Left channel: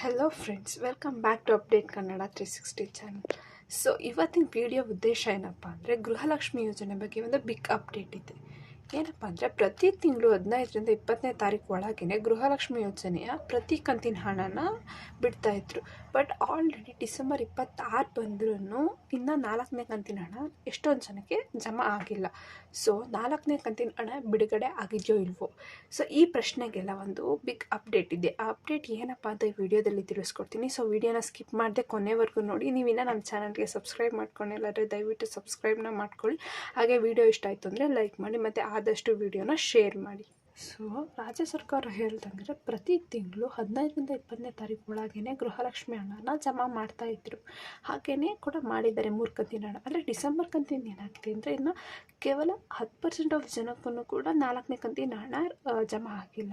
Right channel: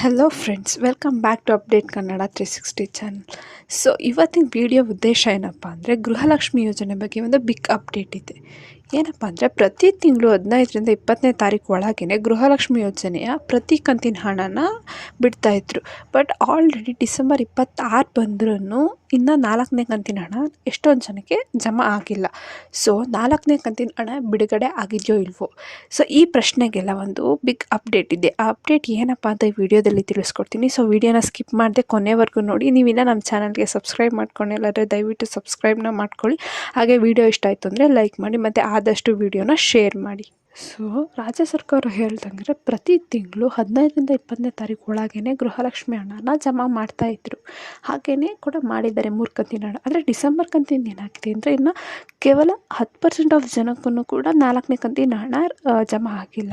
Hello friends, welcome back to update Kannada 360 channel. So ಇವತ್ತಿನ video ಉದ್ದೇಶ ಏನಪ್ಪ ಅಂದರೆ, ಗೃಹಲಕ್ಷ್ಮಿ ಯೋಜನೆ ಬಗ್ಗೆ ಒಂದು ಬಿಗ್ ಅಪ್ಡೇಟ್ ಇದೆ. ಏನಪ್ಪ ಅಂದರೆ, ಪ್ರತಿ ತಿಂಗಳು 15ರಿಂದ 20ನೇ ತಾರೀಕು ಒಳಗೇ ಗೃಹಲಕ್ಷ್ಮಿ ಯೋಜನೆಯ ಪ್ರತಿ ಕಂತಿನ ಹಣನ ಬಿಡ್ತಾಯಿದ್ರು. ಬಟ್ ಆಲ್ರೆಡಿ ಡಿಸೆಂಬರ್ 26 ಬಂದ್ರೂ ಇನ್ನು 4ನೇ ಕಂತಿನ ಹಣ ಎಷ್ಟೊಂದು ಜನಕ್ಕೆ ಜಮಾ ಆಗಿಲ್ಲ. ಸೊ 4ನೇ ಕಂತಿನ ಹಣ ಬಿಡುಗಡೆ ಆಗಿದೆಯೋ ಇಲ್ವೋ, ಸೊ ಈ ಪ್ರಶ್ನೆಗೆಲ್ಲ ಒಂದು ಬಿಗ್ ಅಪ್ಡೇಟ್ ಇದೆ. ಆ ಅಪ್ಡೇಟ್ ಏನಪ್ಪ ಅಂತ ಈ ವಿಡಿಯೋದಲ್ಲಿ ತಿಳಿಸ್ಕೊಡ್ತೀನಿ. ಸೊ ವಿಡಿಯೋನ ಸ್ಕಿಪ್ ಮಾಡದೆ ಕೊನೆವರೆಗೂ ನೋಡಿ. ನೀವಿಲ್ಲ ನಮ್ಮ ಚಾನಲ್ಗೆ ಸಬ್ಸ್ಕ್ರೈಬ್ ಮಾಡ್ಕೊಂಡಿಲ್ಲಾಂದರೆ ದಯವಿಟ್ಟು ಸಬ್ಸ್ಕ್ರೈಬ್ನ ಮಾಡ್ಕೊಳ್ಳಿ. ಹಾಗೆ ವಿಡಿಯೋ ಇಷ್ಟ ಆಯಿತು ಅಂದರೆ ಲೈಕ್ ಮಾಡಿ ಮತ್ತು ಆದಷ್ಟು ವಿಡಿಯೋನ ಶೇರ್ ಮಾಡಿ. ಸೊ ರಾಜ್ಯ ಸರ್ಕಾರ ಹೇಳ್ದಂಗೆ ಪ್ರತಿ ತಿಂಗಳು 15ರಿಂದ 20ನೇ ತಾರೀಕು ಒಳಗೇ ಗೃಹಲಕ್ಷ್ಮಿ ಹಣನ ಜಮಾ ಮಾಡ್ತಾಯಿದ್ರು. ಹಾಗೆಯೇ ಕೂಡ ಮಾಡಿದ್ದಾರೆ 3 ಕಂತಿನ ಹಣ. ಆದರೆ ಡಿಸೆಂಬರ್ ಕಂತಿನ ಏನಾಗಿದೆ ಅಂದರೆ, ಇನ್ನು ಕೇವಲ 10% ಆಫ್ ಜನಕ್ಕೂ ಕೂಡ 4ನೇ ಕಂತಿನ ಹಣ ಜಮಾ ಆಗಿಲ್ಲ.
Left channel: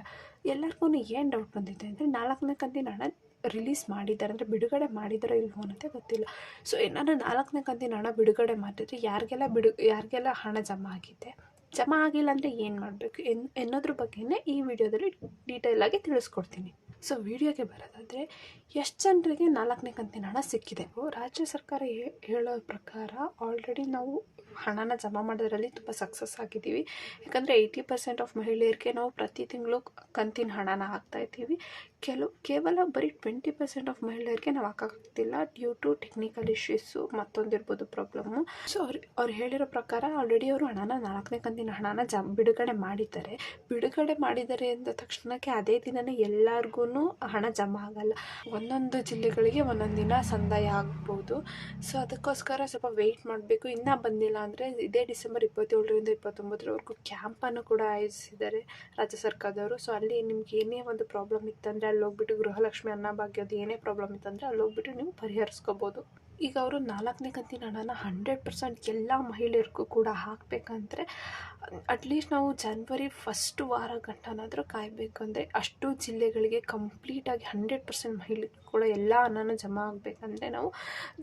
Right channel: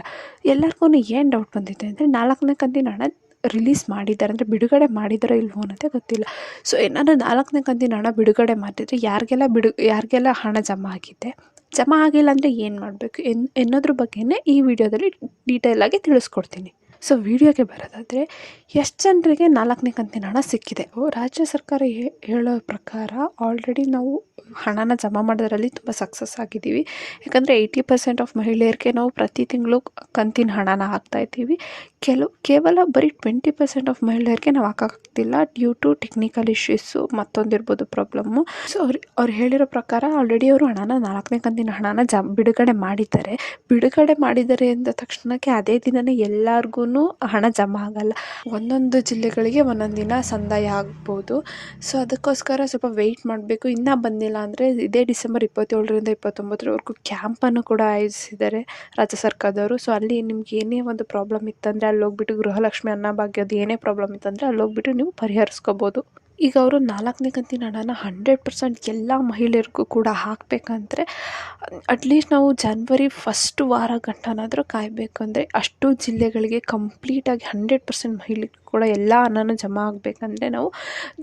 ಎಲ್ಲರಿಗೂ ಏನು ಡೌಟ್ ಬಂದಿದೆ ಅಂದರೆ, 4ನೇ ಕಂತಿನ ಹಣ ರಿಲೀಸ್ ಮಾಡಿದ್ದಾರೆ ಅಂದರೆ ಬಿಡುಗಡೆ ಮಾಡಿದಾರೋ ಇಲ್ವೋ ಅನ್ನೋದೇ ಗೊತ್ತಿಲ್ಲ. ಸೊ ಏನಾದರೂ 4ನೇ ಕಂತಿನ ಹಣ ಬಿಡುಗಡೆ ಮಾಡಿದರೆ ಯಾರಿಗೆಲ್ಲ ಹಣ ಜಮಾ ಆಗಿದೆ, ಜಮಾ ಆಗಿಲ್ಲ ಅಂದರೆ ಏನು ಮಾಡಬೇಕು ಎನ್ನೋದ್ರ ಬಗ್ಗೆನೇ ಈ ವಿಡಿಯೋದಲ್ಲಿ ಡೀಟೇಲಾಗಿ ತಿಳಿಸ್ಕೊಡ್ತೀನಿ. ಸೊ ವಿಡಿಯೋಗೆ ಬರೋದಾದರೆ, ಎಷ್ಟು ಜನರಿಗೆ 4ನೇ ಕಂತಿನ ಹಣ ಸಿಕ್ಕಿದೆ? ರಾಜ್ಯ ಸರ್ಕಾರ ಹೇಳೋ ಪ್ರಕಾರ ಆಲ್ರೆಡಿ ನಾವು ಹಣನ ಜಮಾ ಮಾಡೋದ್ರಲ್ಲಿ ತುಂಬ ಸಕ್ಸಸ್ ಆಗಿದ್ದೀವಿ. ಯಾಕಂದರೆ 80% ಆಫ್ ಮಹಿಳೆಯರಿಗೆ ನಾವು ಪ್ರತಿ ತಿಂಗಳು ಕಂತಿನ ಹಣನ ಹಾಕ್ತಾಯಿದ್ದೀವಿ. ಕೇವಲ ಬರೀ 20% ಆಫ್ ಮಹಿಳೆಯರಿಗೆ ನಾವು ಹಾಕೋಕ್ಕಾಗ್ತಿಲ್ಲ ಡ್ಯೂ ಟು ಟೆಕ್ನಿಕಲ್ ಇಶ್ಯೂಸು, ಮತ್ತೊಂದಿರ್ಬೋದು ಪ್ರಾಬ್ಲಮ್ಮು. ಸೊ ಅವ್ರು ಹೇಳಿರೋ ಪ್ರಕಾರ ಆಲ್ರೆಡಿ ಅವರು ಹಣನ 4ನೇ ಕಂತಿನ ಹಣನ ಬಿಡುಗಡೆ ಮಾಡಿದ್ದಾರೆ ಅಂದ ತಕ್ಷಣಕ್ಕೆ ಅದೇ ದಿನವೇ ಎಲ್ಲರಿಗೂ ಹಣ ಜಮಾ ಆಗಲ್ಲ. ಒಂದೊಂದು ಜಿಲ್ಲೆಗಳಿಗೆ ಒಂದೊಂದು ದಿನ ಸಂದಾಯ ಆಗ್ಬೋದು. ಸೊ ಅದಕ್ಕೋಸ್ಕರ ಸ್ವಲ್ಪ ವೆಯ್ಟ್ ಮಾಡಬೇಕು. ಇನ್ನೂ ಬಂದಿಲ್ಲ ಅಂದರೆ ಇದೇ ಡಿಸೆಂಬರ್ 27ರಿಂದ 29ರವರೆಗೂ ಕ್ಯಾಂಪನ್ನು ಕೂಡ ಆಯೋಜಿಸಿದ್ದಾರೆ ರಾಜ್ಯ ಸರ್ಕಾರದವರು. ಸೊ ಅಲ್ಲಿ ನಿಮ್ಗೆ ಏನೇ ಒಂದು ಪ್ರಾಬ್ಲಮ್ ಇತ್ತಂದರೆ ಅಲ್ಲಿ ಹೋಗ್ಬಿಟ್ಟು ಗೃಹಲಕ್ಷ್ಮಿ ಅನ್ನಭಾಗ್ಯದ ಏನೇ ಪ್ರಾಬ್ಲಮ್ ಇತ್ತಂದರೆ ಅಲ್ಲಿ ಹೋಗ್ಬಿಟ್ಟು ನೀವು ಪರಿಹರಿಸ್ಕೋಬೋದು. ಈಗ ಅವರು 4ನೇ ಕಂತಿನ ಹಣನ 100% ಎಲ್ಲ ಮಹಿಳೆಯರಿಗೂ ಕೂಡ ಹಾಕಬೇಕಂದ್ರೆ ಅಟ್ಲೀಸ್ಟ್ ನಾವು ಜನವರಿ ಫಸ್ಟ್ ವಾರ ಗಂಟನಾದರೂ ಕಾಯಬೇಕು. ಅಂದರೆ ಅಷ್ಟು ಜಿಲ್ಲೆಗಳಿಗೆ ಕಂಪ್ಲೀಟಾಗಿ 100% ಮಹಿಳೆಗೂ ಕೂಡ ಎಲ್ಲ ಹಣನೂ ಜಮಾ ಆಗಬೇಕಂದ್ರೆ ನಾವು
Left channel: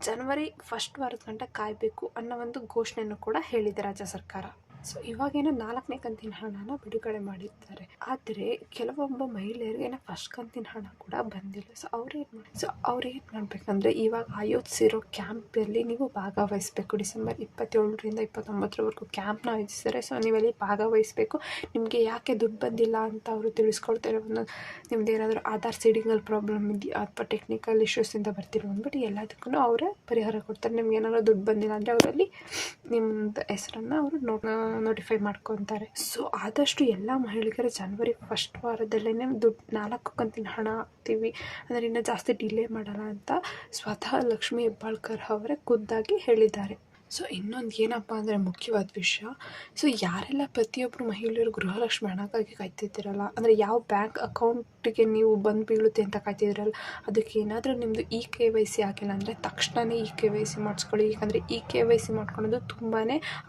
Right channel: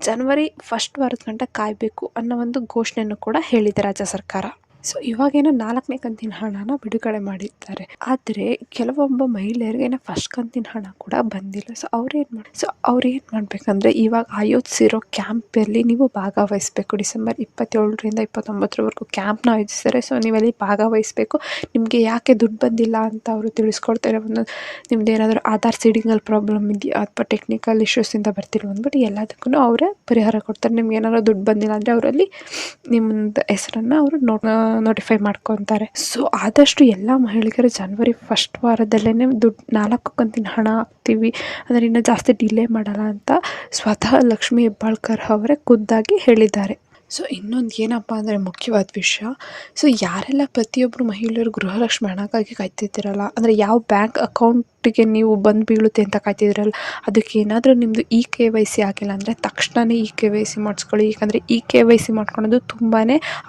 ಜನವರಿ ಫಸ್ಟ್ ವಾರದ ಗಂಟ ಕಾಯಬೇಕು ಅನ್ನೋ ಒಂದು ಘೋಷಣೆಯನ್ನು ಕೂಡ ಹೇಳಿದೆ ರಾಜ್ಯ ಸರ್ಕಾರ. ಸೊ ಇವಾಗೇನೋ 4ನೇ ಕಂತಿನ ಹಣನ ಬಿಡುಗಡೆ ಮಾಡಿದ್ದಾರೆ. ಆದರೆ ಕೆಲವೊಬ್ಬ ಮಹಿಳೆಯರಿಗೆ ಫಸ್ಟ್ ಕಂತಿನ ಹಣ ಕೂಡ ಬಂದಿಲ್ಲ. ಸೊ ಅವ್ರೇನು ಮಾಡಬೇಕಂದ್ರೆ, ಇವಾಗ ಆಯೋಜಿಸಿರೋ ಕ್ಯಾಂಪಲ್ಲಿ ನೀವು ಭಾಗವಹಿಸಬೇಕು. ಡಿಸೆಂಬರ್ 27ರಿಂದ 29ರವರೆಗೂ ಕ್ಯಾಂಪ್ನ ಆಯೋಜಿಸ್ತಾರೆ. ಸೊ ನೀವಲ್ಲಿ ಭಾಗವಹಿಸಬೇಕು. ನಿಮಗೆ ಯಾಕೆ ದುಡ್ಡು ಬಂದಿಲ್ಲ ಅಂತ ಅವರು ತಿಳಿಸ್ಕೊಡ್ತಾರೆ. ನಿಮ್ದು ಏನಾದರೂ ಆಧಾರ್ ಸೀಡಿಂಗಲ್ಲಿ ಪ್ರಾಬ್ಲಮ್ ಇದೆಯಾ ಅಥವಾ ಟೆಕ್ನಿಕಲ್ ಇಶ್ಯೂಸಿಂದ ಬರ್ತಿರೋ ಅಂದ್ಬಿಟ್ಟು ಎಲ್ಲದಕ್ಕೂ ಅವರೇ ಪರಿಹಾರ ಕೊಡ್ತಾರೆ. ನಿಮ್ಗೆ ಏನಾದರೂ ದುಡ್ಡು ಬಂದಿಲ್ಲ ಅಂದರೆ ಅವರಲ್ಲಿ ನಿಮ್ಮದು ಹೆಸರನ್ನು ಅವರು ನೋಟಿಫೈ ಮಾಡ್ಕೊತಾರೆ. ಸೊ ಆದಷ್ಟು ಎಲ್ಲ ಮಹಿಳೆಯರು ಜನವರಿ ಫಸ್ಟ್ ವಾರದಲ್ಲೇ ದುಡ್ಡು 4 ಕಂತಿನ ಹಣ ಹಾಕ್ತೀವಿ ಅಂದರೆ ಇನ್ನೂ ಜಾಸ್ತಿ ಡಿಲೇ ಮಾಡಲ್ಲ ಅಂತ ಸ್ವತಃ ಲಕ್ಷ್ಮೀ ಹೆಬ್ಬಾಳ್ಕರ್ ಅವರೇ ಖುದ್ದಾಗಿ ಹೇಳಿದ್ದಾರೆ. ಸೊ ಇನ್ನೊಂದು ಏನಪ್ಪ ಅಂದರೆ ಮುಖ್ಯವಾದ ವಿಷಯ, ಸೊ ಯಾರೆಲ್ಲ ಪ್ರತಿಯೊಬ್ಬರು ಮಹಿಳೆಯರು ಗೃಹಲಕ್ಷ್ಮಿ ಹಣಕ್ಕಾಗಿ ಕಾಯ್ತಿದ್ದೀರಲ್ಲ, ಅಂದರೆ ಯಾವ ಬ್ಯಾಂಕ್ ಅಕೌಂಟಿಗೆ ನೀವು ಬಂದು ಬೀಳುತ್ತೆ ಅಂತ ಕಾಯ್ತಿದ್ದೀರಲ್ಲ, ಅದಕ್ಕೆ ಏನಾದರೂ ನಿಮ್ಮದು KYC ಆಗಿಲ್ಲ ಅಂದರೆ ತಕ್ಷಣವೇ KYC ಮಾಡಿಸ್ಕೊಳ್ಳಿ. ಯಾಕಂದರೆ KYC ಮಾಡ್ಕೊಳ್ಳೋದು ತುಂಬಾ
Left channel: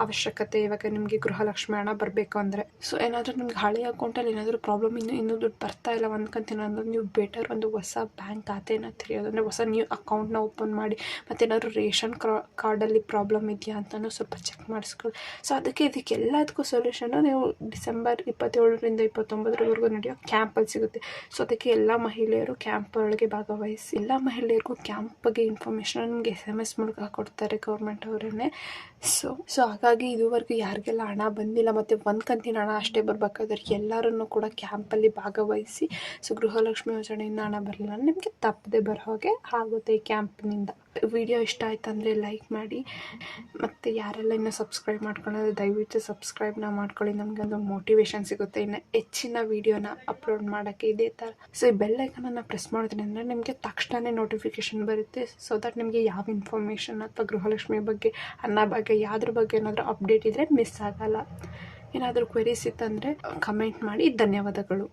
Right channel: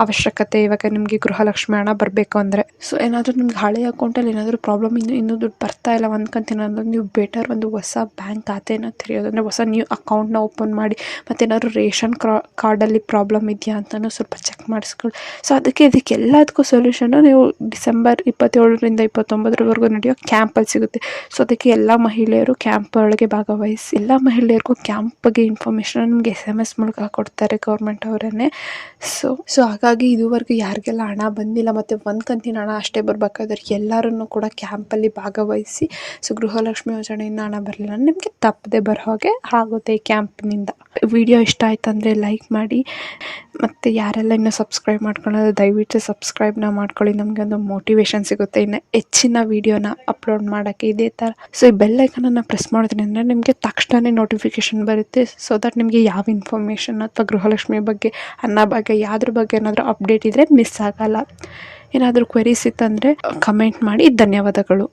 ಅವಶ್ಯಕತೆ ಇವಾಗ ನಿಮಗೆ ಗೃಹಲಕ್ಷ್ಮಿ ಹಣ ಬರಬೇಕು ಅಂದರೆ. ಸೊ ಏನಾದರೂ ನಿಮ್ಗೆ ಹಳೆ ಅಕೌಂಟಲ್ಲಿ ಏನಾದರೂ ಪ್ರಾಬ್ಲಮ್ ಇನ್ನೂ ದುಡ್ಡು ಬರ್ತಾ ಇಲ್ಲ ಒಂದು ಕಂತಿನ ಅಂದರೆ, ನೀವು ಬೆಟರ್ ಒಂದು ಹೊಸ ಬ್ಯಾಂಕ್ ಖಾತೆನ ತೆರೆಯೋದು, ಅಂದರೆ ಹೊಸ ನ್ಯೂ ಅಕೌಂಟ್ನ ಓಪನ್ ಮಾಡಿ, ಮತ್ತೇನಾದರೂ ರೇಷನ್ ಕಾರ್ಡಲ್ಲಿ ಪ್ರಾಬ್ಲಮ್ ಇದೆಯಾ ಅಂತಲೂ ಸ್ವಲ್ಪ ಚೆಕ್ ಮಾಡಿಸ್ಕೊಳ್ಳಿ. ಸೊ ಇದಕ್ಕೆಲ್ಲದಕ್ಕೂ ಸೊಲ್ಯೂಷನ್ನು ನೀವು ಡಿಸೆಂಬರ್ 27ರಿಂದ 29ರವರೆಗೂ ನಡೆಯೋ ಕ್ಯಾಂಪಲ್ಲಿ ಸಿಗುತ್ತೆ. ಸೊ ಅದಕ್ಕೆ ಎಲ್ಲ ಮಹಿಳೆಯರು ಕ್ಯಾಂಪ್ ಒಳಗೆ ಭಾಗವಹಿಸಿ. ಎಲ್ಲ ಮಹಿಳೆಯರಿಗೂ ಕ್ಯಾಂಪ್ ಬಗ್ಗೆ ಇನ್ಫಾರ್ಮೇಷನ್ ನಿಮಗೆ SMS ಮೂಲಕ ಕೊಡ್ತಾರೆ ಗೌರ್ಮೆಂಟ್ ಅವರನ್ನೇ. ಸೊ ಹಾಗಾಗಿ ಇದುವರೆಗೂ ಯಾರಿಗೆಲ್ಲ ಹಣ ಬಂದಿಲ್ಲ ಮತ್ತು ಒಂದು ಕಂತಿನ ಹಣ ಅಷ್ಟೇ ಬರಬೇಕಾದ್ರೆ ಎಲ್ಲರೂ ಕೂಡ ಕ್ಯಾಂಪಲ್ಲಿ ಭಾಗವಹಿಸಿ. ಸೊ ಗೃಹಲಕ್ಷ್ಮಿ ಯೋಜನೆಯಿಂದ ಹಣ ಬರಲಿಲ್ಲ ನಿಮಗೆ ತಪ್ಪದೆ ಬರೋ ಹಾಗೆ ಆಗುತ್ತೆ ಈ ಕ್ಯಾಂಪ್ನಿಂದ. ವಿಡಿಯೋ ಇಷ್ಟ ಆಯ್ತಂದರೆ ಲೈಕ್ ಮಾಡಿ, ಮತ್ತು ಯಾರೆಲ್ಲ ಇನ್ನೂ ಸಬ್ಸ್ಕ್ರೈಬ್ ಮಾಡ್ಕೊಳ್ಳೋದು ದಯವಿಟ್ಟು ಸಬ್ಸ್ಕ್ರೈಬ್ನ ಮಾಡ್ಕೊಳ್ಳಿ. ನಮಗೆ ಒಂದು ಮೋಟಿವೇಶನ್ ಸಿಗುತ್ತೆ ಇನ್ನು ಹೆಚ್ಚಿನ ವೀಡಿಯೋನ ಅಪ್ಲೋಡ್ ಮಾಡೋಕ್ಕೆ ಇದೇ ಥರ. ಸೊ ಈ ಬೆಲ್ ಐಕನನ್ನು ಪ್ರೆಸ್ ಮಾಡೋದ್ರಿಂದ ನಿಮಗೆ ತಕ್ಷಣವೇ ನೋಟಿಫಿಕೇಷನ್ ಬರುತ್ತೆ. ಸೊ ದಟ್ ನಿಮಗೆ ಯಾವ ಇನ್ಫಾರ್ಮೇಷನ್ ಅಥವಾ ಗೃಹಲಕ್ಷ್ಮಿ ಬಗ್ಗೆ, ಅನ್ನಭಾಗ್ಯ ಯಾವ್ದ್ರ ಬಗ್ಗೆ ಏನಾದರೂ ಅಪ್ಡೇಟ್ ಇದ್ದರೆ ಮಿಸ್ ಆಗಲ್ಲ. ಏನಾದರೂ ಕ್ವೆರೀಸ್ ಇತ್ತಂದರೆ ಕಮೆಂಟ್ ಮಾಡಿ. ಧನ್ಯವಾದಗಳು.